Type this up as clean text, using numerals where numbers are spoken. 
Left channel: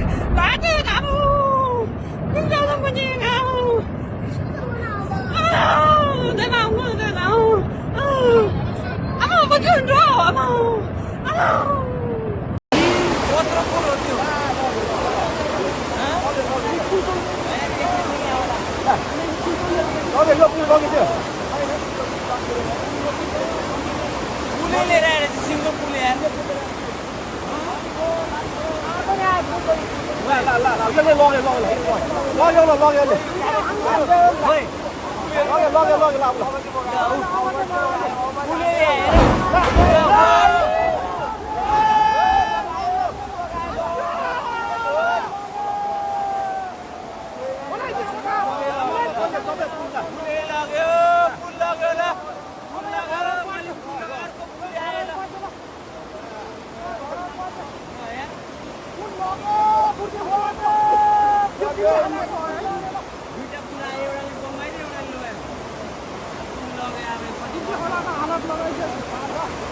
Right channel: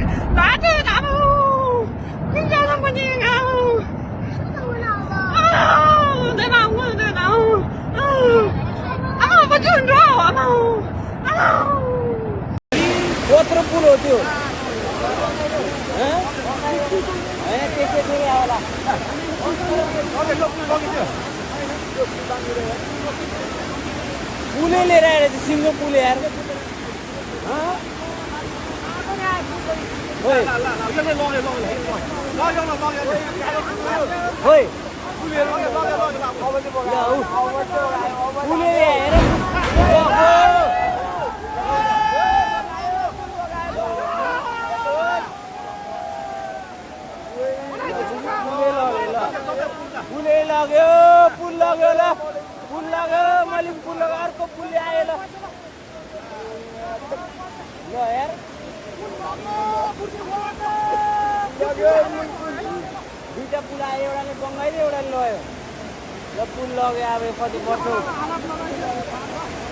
나도 나무 공장은 뭐니 나무 내 마음 내 나무 아무 뭐지 줘 아무 Outro por outro. पुलै लिएर आएर सिङ्गो पुल यार पुल लाग्यो मैले पुल लगाएर अर्को पुल आएर यार दुईटा पुल आयो एउटाले बङ्गाइदियो एउटाले लग्यो पुल लग्यो अब कति वर्ष